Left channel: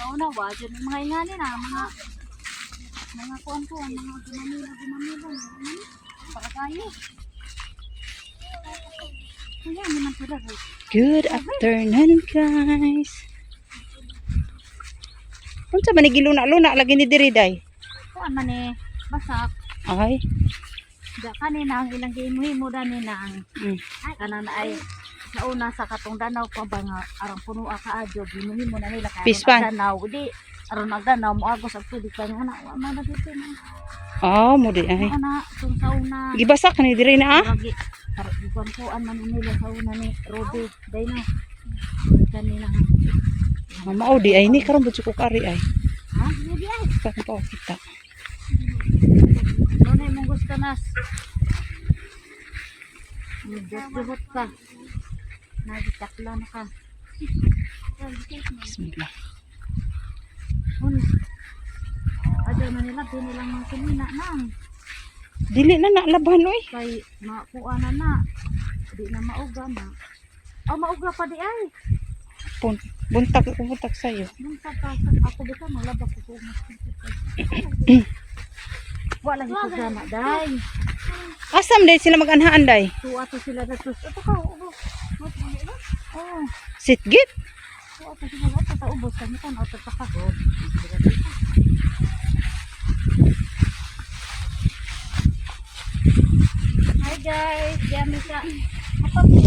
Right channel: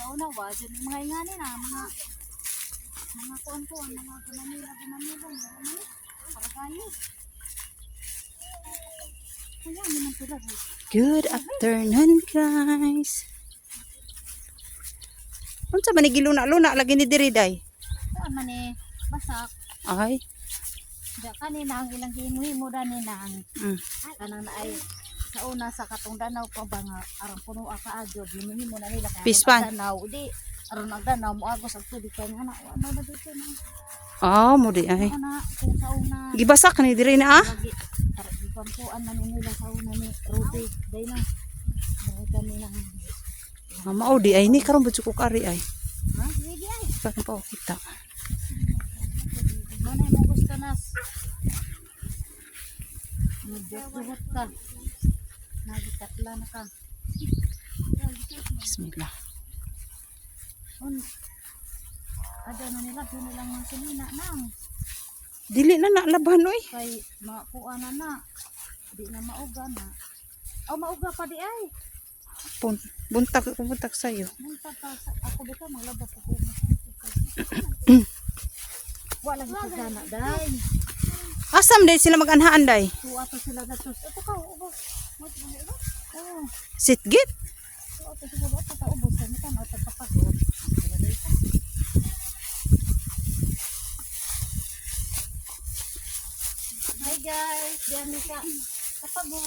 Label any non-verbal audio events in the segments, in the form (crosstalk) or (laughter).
Naunawa, dyan mga ingani na, mga mga kuan ko, mga gumamila, gumamila, ano, para kayo. Good afternoon, guys. Unsa man ni giluna-luna lagi ni diri day? Kuan man eh, basak. Ay. Da kanina ang ilang gimuhimo dani na ang Mm. kanan ay sa una sa katong danaw pa ba nga arang puno ka adyo gimuhimo na nila kay Pispan. aron danaw di aron magdanaw mo agos ang tubig kan ana ana na dito na Oh, mo di ay. ana tong sa una Gibasak ni diri na ah. lagi aron di kuan man nila sa ni Rodi day na kanina Mama oh, di ay ni karon budyo ko kari ay. ha di ay Pa ko kita. Ano na yung gusto nas? Nagjuhot ka. Nagitakla na ka. Bismillah. Un. Aday man nila, pinilang mga sinina nang. Dili na nalaban oy. Kay makuha na na. Di na mauga na. Oh, mauga pa di ay. Pun buntag ko buntag sayo. Nung pagka ako bita, malabas ako. Wala lagi ko gama, day. Asam day sila mag-anhaan day. Tuwa to sila na tus. Ito ka. Sitgit. Oo, kasi wala pa ta ubos kami tataka. Hi guys, yami ka. Apa po?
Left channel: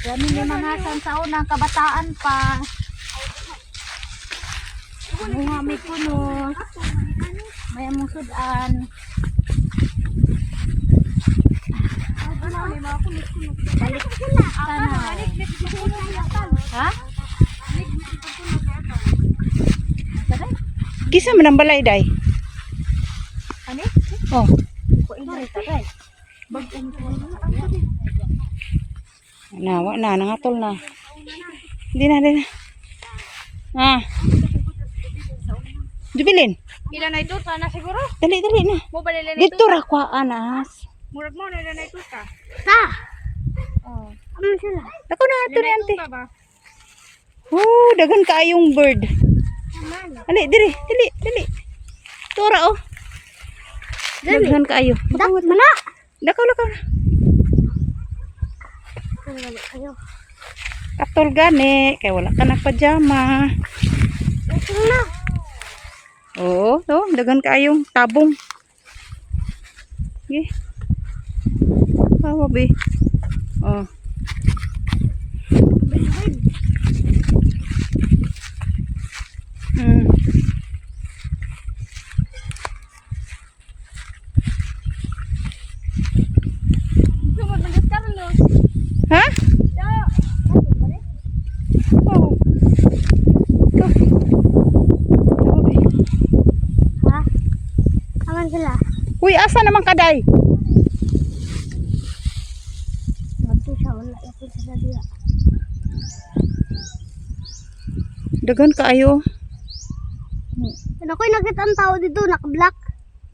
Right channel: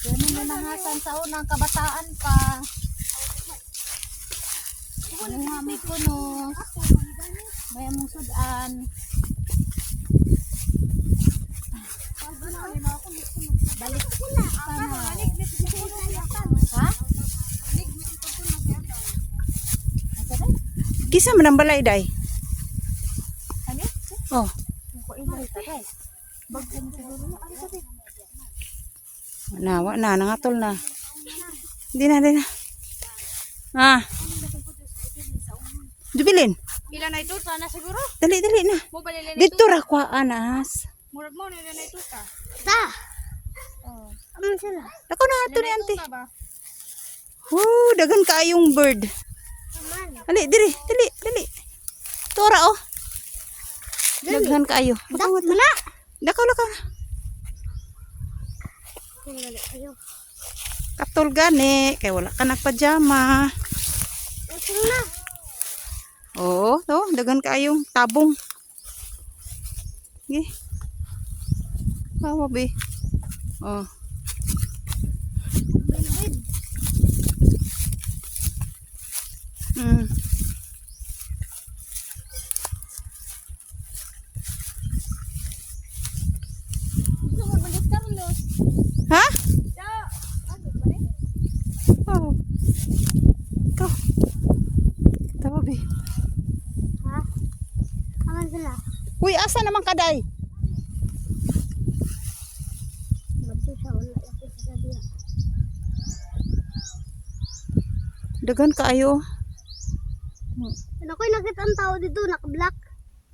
Yami ni mga taon ng kabataan pa. Ano nga may kunos. May among. Balik ka na. Ha? Nasa day? Kisa man ang balay day. Ano? Oh, na nawa na nangatol na. Di na, di na. Ah. Jubilin. Ilan na ito na siguro? Dali, dali na. Mo ba nila Dito ra kwa anas. Murag mo nila na ito ka. Ta! Oh. Ano sila? Ako na ito ni ante. Oh, dagan kaayong bird. Dali, dili, dili, dali. Tora oh. Daghan kaayo. Makawat na. Dakaw na ka. Katol gani. Kaya wala ka nagpajama. Na. Oo, to. Dagan kaayong tabong. Sige. Kawa, be. Oh. Hmm. Sumod man ka no. Ha? Oh. Ito. Tawa, be. Ha? Aman sila. Uy, asa naman kaday? Mati siya wala ako sa dia. Dagan kaayo. Ano ko'y nakita ang tao dito, naka-black.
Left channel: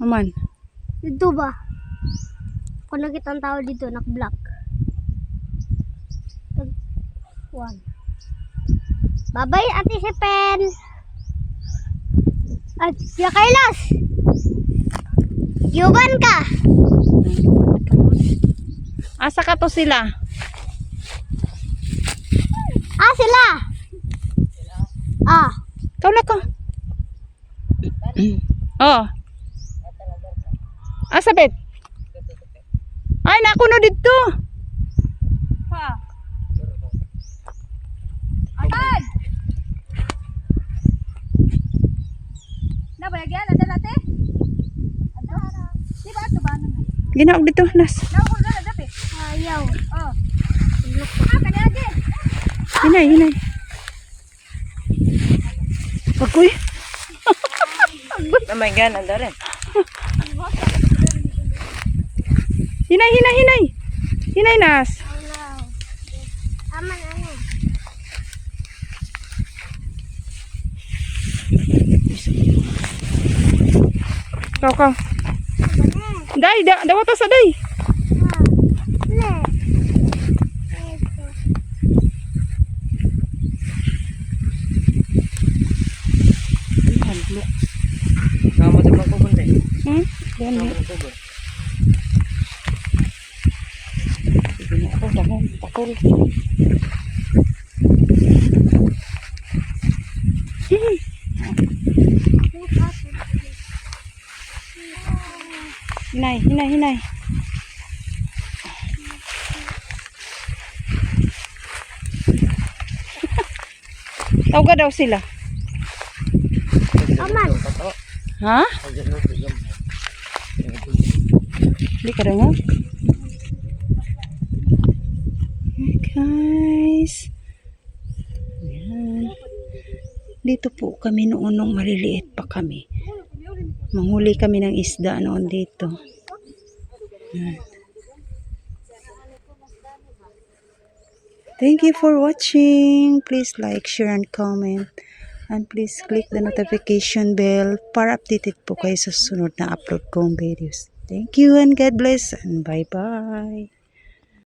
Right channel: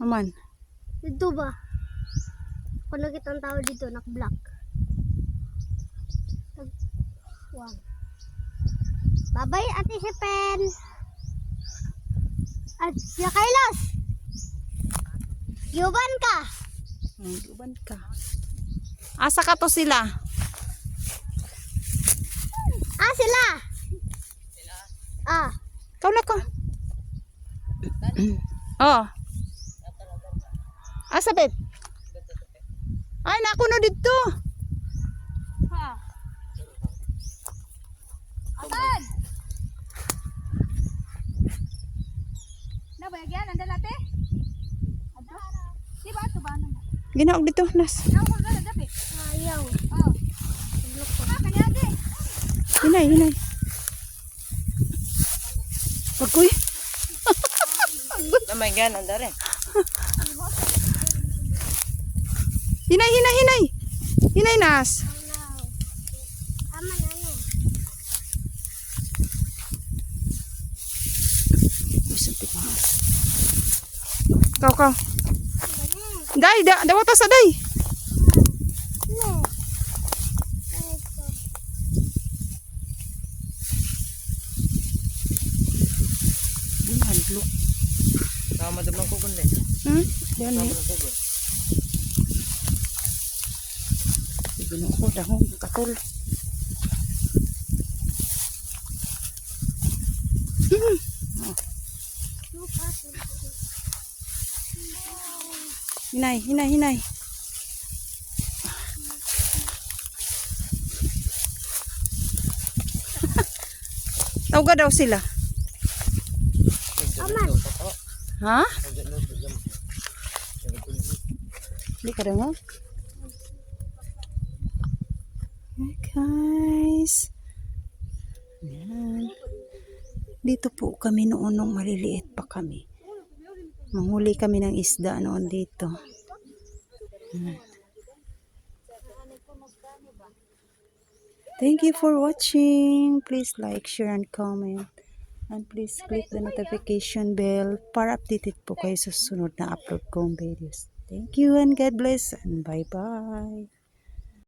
Aman. Dito ba? Ako nakita ang tao dito, naka-black. One. Babay, ate si Pen. At siya Kailas. Yuban ka. Asa ka to sila? Ah, sila. Ah. Ikaw na ko. oh. Asa bet? Ay, nakuno dito. Nabayagyan na dala te. Ato. Di ba ato ba na? Ginaog dito, nas. Ko dala dapi. Ayaw. Oh. Ah, kanila din. Hinay, hinay. Agoy. oh my God, anda rin. hinay, hinay, hinay. Hinay, nas. Aman, ano? Kau kau. Dai, da, dawa ta sa dai. Thank you. Hinay, hinay. (laughs) Tawga daw sila. Aman. Ha? Hindi ka rin, ha? Guys. Yan. Dito po kami noon nung maliliit pa kami. Manghuli kami ng isda noon dito. Thank you for watching. Please like, share, and comment. And please click the notification bell para updated po kayo sa sunod na upload kong videos. Thank you and God bless and bye-bye.